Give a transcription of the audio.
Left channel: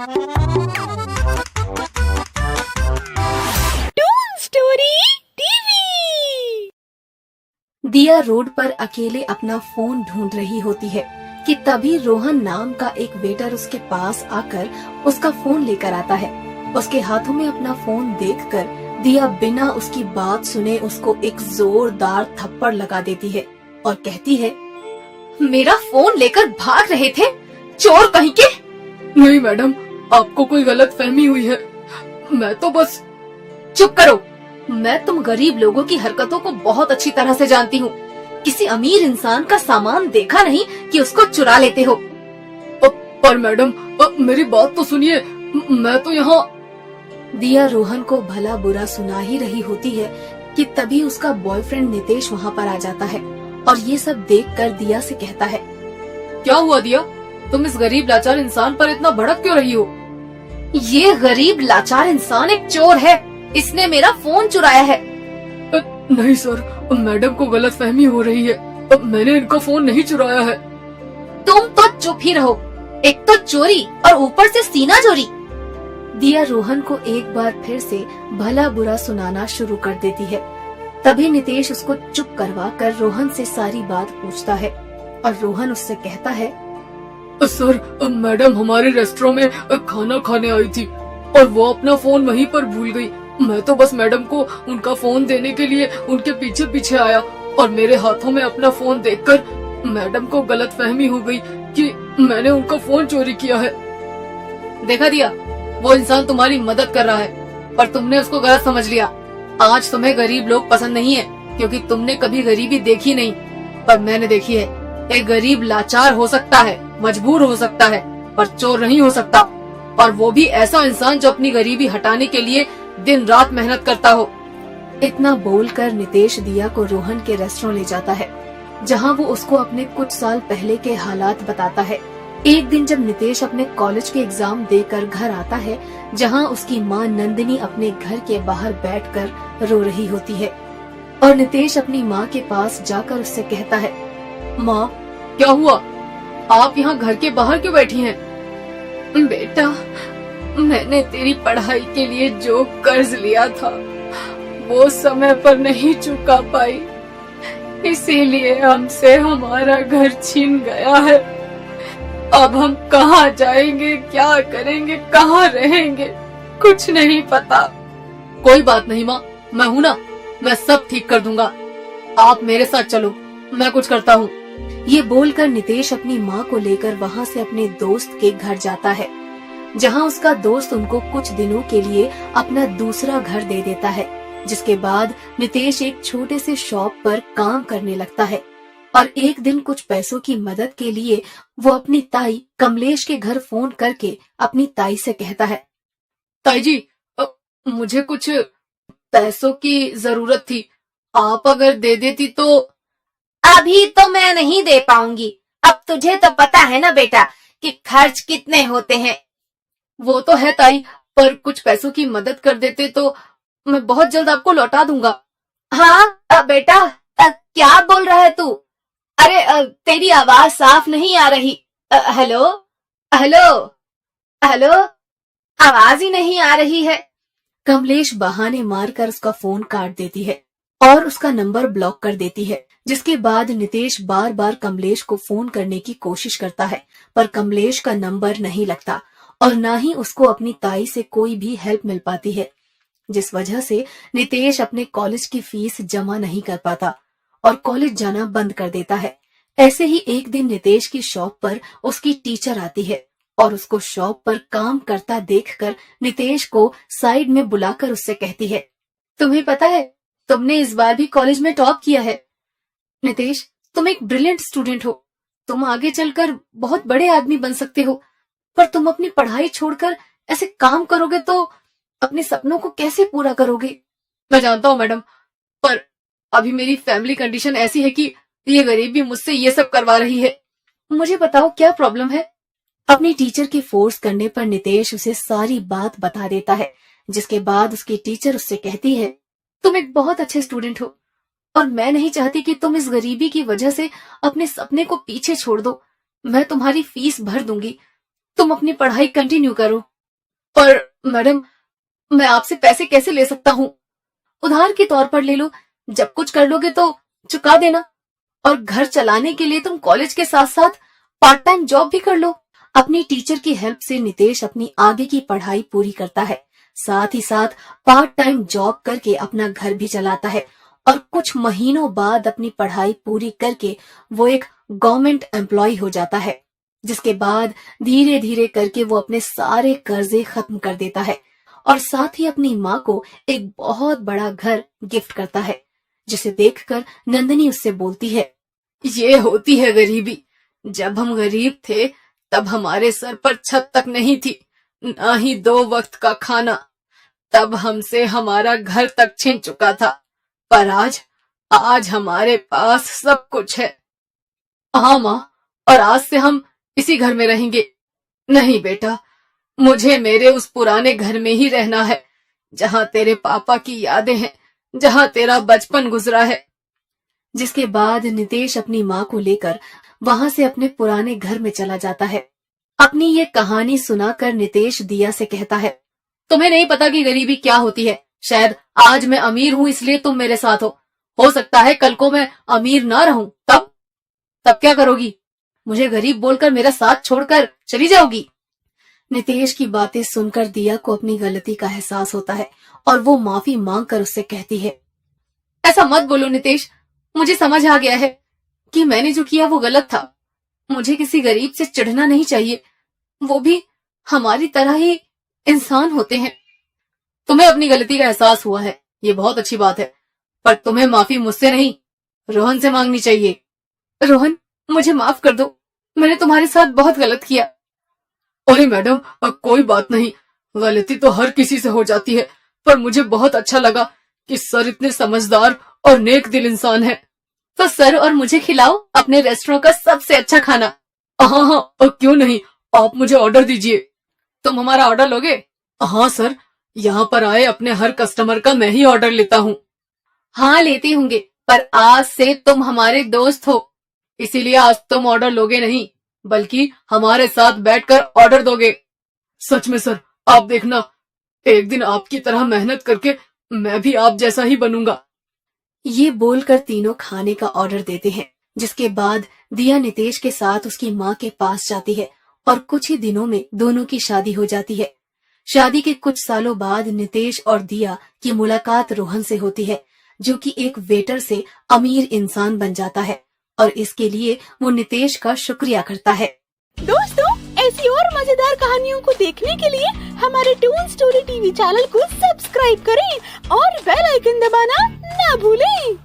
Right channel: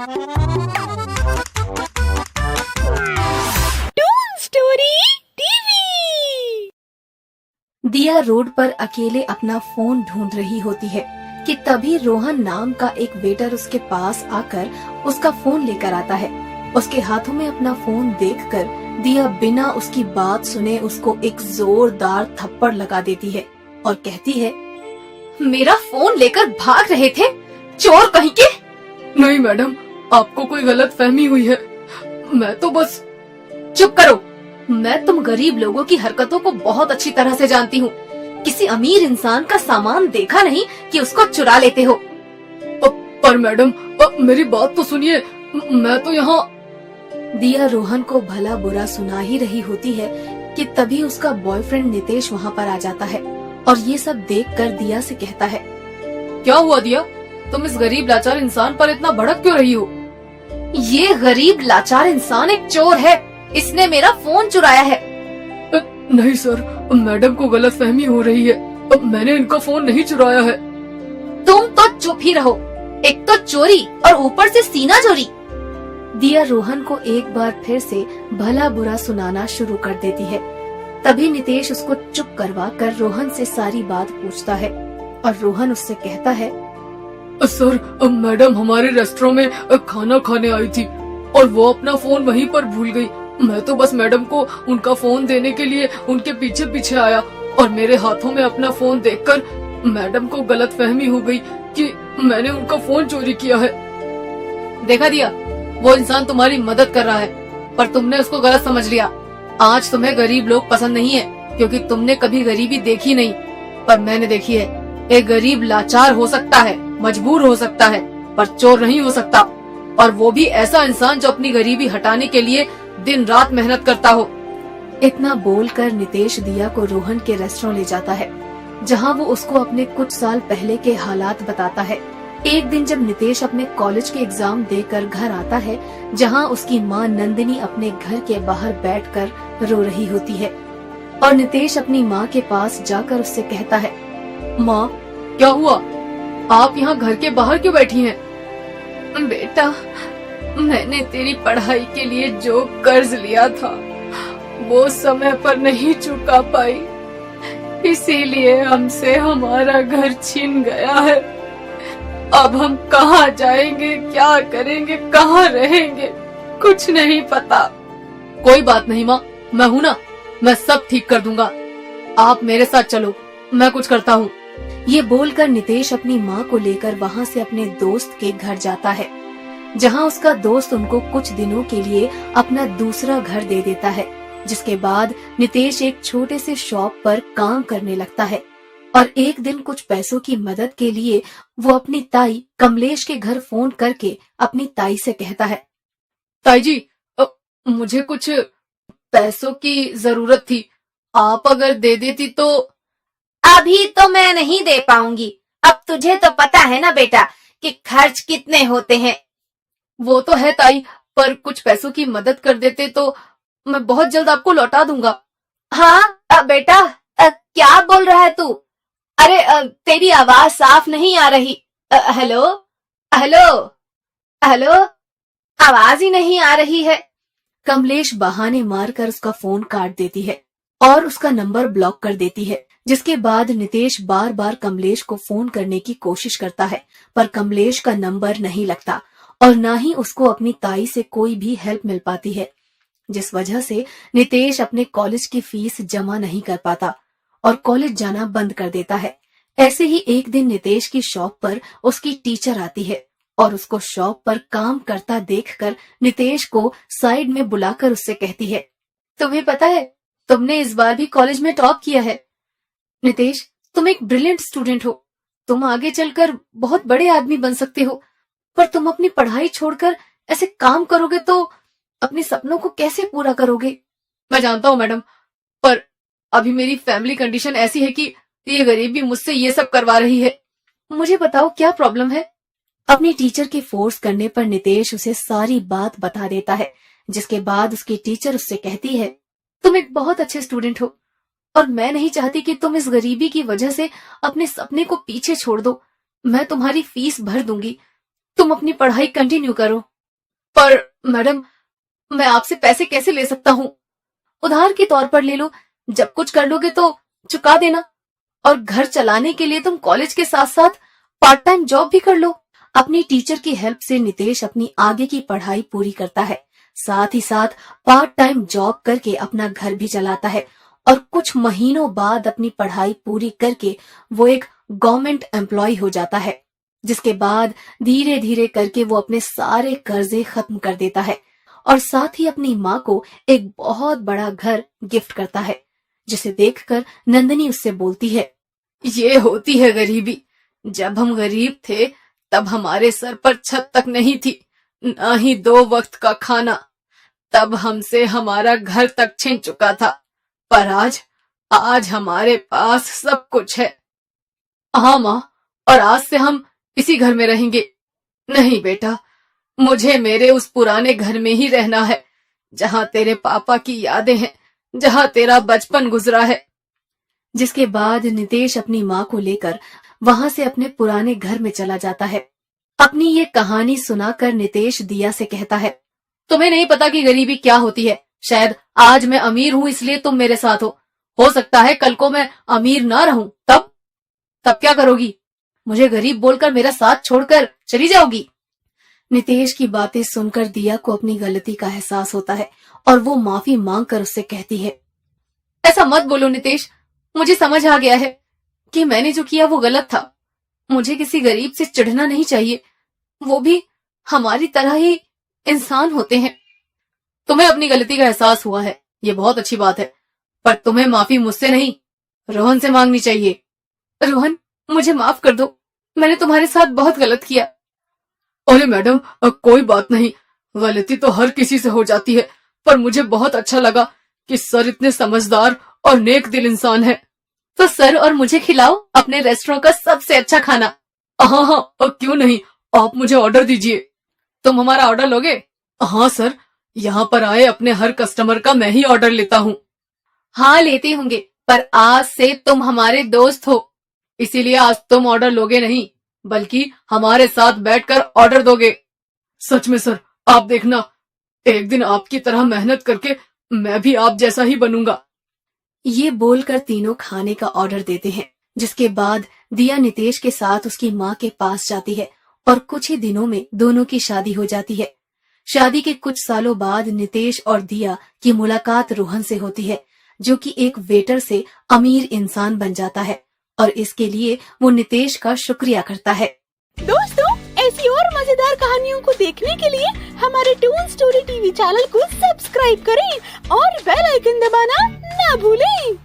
Twin story TV. दिया road पर अकेले अपना फोन ढूंढ रही होती है कि तभी रोहन नाम का एक वेटर उसके पास आकर उसका फोन लेकर आता है। उसके हाथों में अपना फोन देखकर दिया बिना उसकी बात सुने उसको एक जोरदार थप्पड़ लगा देती है और कहती है, मेरा फोन लेकर भाग रहे थे, चोर कहीं के। नहीं मैडम, आपको कोई गलत फहमी हुई है। मैं तो बस। चुप करो, मैं तुम गरीब लोगों की हरकतों को बहुत अच्छी तरह से जानती हूँ। किसी अमीर इंसान का सामान देखा नहीं कि उसको चुरा लेते हो। पर मैडम, मेरी बात तो सुनिए, मैं तो यहाँ। दिया रोहन को भला बुरा सुना ही रही होती है कि तभी उसका बॉयफ्रेंड नितेश वहाँ पर आ जाता है और ये सब देखकर दिया से कहता है, क्या हुआ दिया, तुम इस गरीब लाचार इंसान पर इतना भड़क क्यों रही हो? ये गरीब लाचार इंसान एक चोर है, इसने मेरा फोन चुराया है। नहीं सर, मैडम को गलत फहमी हो रही है, मैंने इनका फोन नहीं चुराया है। तुम तो चुप ही रहो, एक तो चोरी और ऊपर से सीना चोरी। दिया रोहन को एक बार फिर से भला बुरा सुनाना शुरू कर देती है। तभी नितेश उसको चुप करवा कर रोहन से सारी बात पूछता है और रोहन उससे कहता है, सर, मैडम हमारे रेस्टोरेंट में खाना खाने आई थी और वो अपना फोन वहीं पर भूल गई। मैं तो बस मैडम को उनका फोन देने के लिए उनके पीछे पीछे आया और मेरे हाथों में अपना फोन देखकर मैडम को गलत फहमी हो गई कि मैंने उनका फोन चोरी किया है। देखा दिया, वो इंसान तुम्हारी मदद कर रहा है पर तुमने उसको गलत समझ लिया। आज तुम्हें गरीब लोग पसंद नहीं है क्योंकि तुमने कभी गरीबी देखी नहीं, पर मैंने देखी है। एक गरीब लाचार हो सकता है, मजबूर हो सकता है, पर चोर नहीं हो सकता, और वो भी ऐसा इंसान जो अपनी गरीबी हटाने के लिए दिन रात मेहनत करता हो। इतना बोलकर नितेश दिया को रोहन के रेस्टोरेंट ले जाता है जहां वो उसको अपने कुछ साल पहले के हालात बताता है। एक दिन जब नितेश अपने कॉलेज के एग्जाम देकर घर आता है जहां उसकी माँ नंदिनी अपने घर के बाहर बैठकर रो रही होती है और नितेश अपनी माँ के पास जाकर उससे कहता है, माँ, क्या हुआ, आप यहाँ घर के बाहर क्यों बैठी हैं? बेटा, मैंने तेरी पढ़ाई के लिए जो कर्ज लिया था वो समय पर नहीं चुका पाई, इसीलिए हमसे हमारा घर छीन गया है। अब हम कहाँ जाएंगे, क्या करेंगे, कहाँ रहेंगे, कुछ नहीं पता। कोई बात नहीं माँ, मैं हूँ ना, मैं सब ठीक कर दूंगा। आप मेरे साथ चलो, मैं कुछ करता हूँ। ये बोलकर नितेश अपनी माँ को लेकर वहाँ से अपने दोस्त के घर जाता है जहाँ उसका दोस्त उनको कुछ दिनों के लिए अपना दूसरा घर दे देता है। जिसके बाद नितेश एक छोटे से शॉप पर काम करने लगता है और एक दिन कुछ पैसों की मदद के लिए वो अपनी ताई कमलेश के घर फोन करके अपनी ताई से कहता है, ताई जी, मुझे कुछ पैसों की जरूरत थी, आप अगर दे देती तो। अभी तो मैं नहीं दे पाऊंगी, अब तुझे तो पता है ना बेटा कि खर्च कितने होते हैं। वो तो है ताई, पर कुछ पैसों की मदद कर देते तो मैं बहुत जल्द आपको लौटा दूंगा। हाँ बेटा, क्या बोल रहा है तू? अरे तेरी आवाज साफ नहीं आ रही। हेलो हेलो हेलो, आवाज ही नहीं आ रही है। कमलेश बहाने मारकर उसका फोन काट देती है और उसका नंबर ब्लॉक कर देती है। जिसके बाद नितेश बार बार कमलेश को फोन करने की कोशिश करता है पर कमलेश का नंबर नहीं लगता और न ही उसको अपनी ताई से कोई भी हेल्प मिल पाती है, जिस वजह से नितेश अपने कॉलेज की फीस जमा नहीं कर पाता और कॉलेज जाना बंद कर देता है। ऐसे ही एक दिन नितेश की शॉप पर उसकी टीचर आती है और उसको शॉप पर काम करता देखकर नितेश को साइड में बुलाकर उससे कहती है, तुम्हें पता है, तुमने इस बार भी कॉलेज में टॉप किया है। नितेश, तुम एक ब्रिलियंट स्टूडेंट हो, तुम आगे चलकर बहुत बड़े आदमी बन सकते हो, पर तुम अपनी पढ़ाई छोड़कर ऐसे काम करोगे तो अपने सपनों को कैसे पूरा करोगे? मैं जानता हूँ मैडम, पर अभी मेरी फैमिली कंडीशन ऐसी है कि ये गरीबी मुझसे ये सब करवा रही है। मुझे बताओ क्या प्रॉब्लम है? अपनी टीचर के फोर्स करने पर नितेश उसे सारी बात बता देता है, जिसके बाद उसकी टीचर उससे कहती है, तुम एक बहुत अच्छे स्टूडेंट हो और मैं नहीं चाहती कि तुम इस गरीबी की वजह से अपने सपने को पीछे छोड़ दो। मैं तुम्हारी फीस भर दूंगी, तुम अपनी पढ़ाई कंटिन्यू करो। पर मैडम, मैं आपसे पैसे कैसे ले सकता हूँ? उधार के तौर पर ले लो, जब कुछ कर लोगे तो चुका देना। और घर चलाने के लिए तुम कॉलेज के साथ साथ पार्ट टाइम जॉब भी कर लो। अपनी टीचर की हेल्प से नितेश अपनी आगे की पढ़ाई पूरी करता है, साथ ही साथ पार्ट टाइम जॉब करके अपना घर भी चलाता है। और कुछ महीनों बाद अपनी पढ़ाई पूरी करके वो एक गवर्नमेंट एम्प्लॉय हो जाता है, जिसके बाद धीरे धीरे करके वो अपने सारे कर्जे खत्म कर देता है और साथ ही अपनी माँ को एक बहुत बड़ा घर गिफ्ट करता है, जिसे देखकर नंदिनी उससे बोलती है, ये होती है गरीबी। जब हम गरीब थे तब हमारे सर पर छत तक नहीं थी, ना ही 2 वक्त का खाना। तब हमसे हमारा घर तक छिन चुका था, पर आज हमारे पास सब कुछ है। हाँ माँ, और आज से हम इसी घर में रहेंगे। नहीं बेटा, मुझे मेरे उस पुराने घर में ही रहना है, जहाँ तेरे पापा की यादें हैं, जहाँ तेरा बचपन गुजरा है। जिसके बाद नितेश अपनी माँ को लेकर वहां से अपने पुराने घर में चला जाता है। अपनी ये कहानी सुनाकर नितेश दिया से कहता है, तुम्हें नहीं पता कि गरीबी क्या होती है। शायद आज मैं अमीर हूँ इसलिए तुम मेरे साथ हो सकता है कल को मैं अमीर ना रहूं, तब क्या करोगी? मुझे गरीब बोलकर मेरा साथ छोड़कर चली जाओगी? नितेश की बातें सुनकर दिया को अपनी गलती का एहसास होता है और वो माफी मांगकर उससे कहती है, ऐसा मत बोलो नितेश, मुझे समझ आ गया है कि मैंने जो किया वो गलत था। मुझे किसी गरीब से चिढ़ना नहीं चाहिए, वो भी हमारी तरह ही इंसान होते हैं। तुम्हें अपनी गलती का एहसास हुआ है, ये बहुत अच्छी बात है, पर तुम्हें माफी मुझसे नहीं, रोहन से मांगनी चाहिए। रोहन, मुझे माफ कर दो, मैंने तुम्हारे साथ बहुत गलत किया। अरे मैडम, कोई बात नहीं, गलती तो हर किसी से हो जाती है, पर मुझे बहुत अच्छा लगा कि सर इतने समझदार और नेक दिल इंसान है। तो सर और मुझे खिलाओ अपने रेस्टोरेंट का सबसे अच्छा खाना। हाँ, क्यों नहीं, आप मुझे ऑर्डर दीजिए। तुम हमारा ऑर्डर लोगे? हाँ सर, यहाँ पर आए अपने हर कस्टमर का मैं ही ऑर्डर लेता हूँ। हाँ लेती होंगे, पर आज से तुम हमारे दोस्त हो, इसीलिए आज तुम ऑर्डर लोगे नहीं, बल्कि हमारे साथ बैठकर ऑर्डर दोगे। सच में सर, आप देखना, एक दिन आपकी तरह मेहनत करके मैं भी आप जैसा ही बनूंगा। ये बोलकर तीनों खाने का ऑर्डर देते हैं, जिसके बाद दिया नितेश के साथ उसकी माँ के पास जाती है और कुछ ही दिनों में दोनों की शादी हो जाती है। शादी के कुछ सालों बाद नितेश और दिया की मुलाकात रोहन से होती है, जो कि एक वेटर से अमीर इंसान बन जाता है और इसके लिए वो नितेश का शुक्रिया करता है। दोस्तों, ऐसी और मजेदार कहानियों को देखने के लिए हमारे टून स्टोरी टीवी चैनल को सब्सक्राइब करें और बेल आइकन दबाना ना भूलें।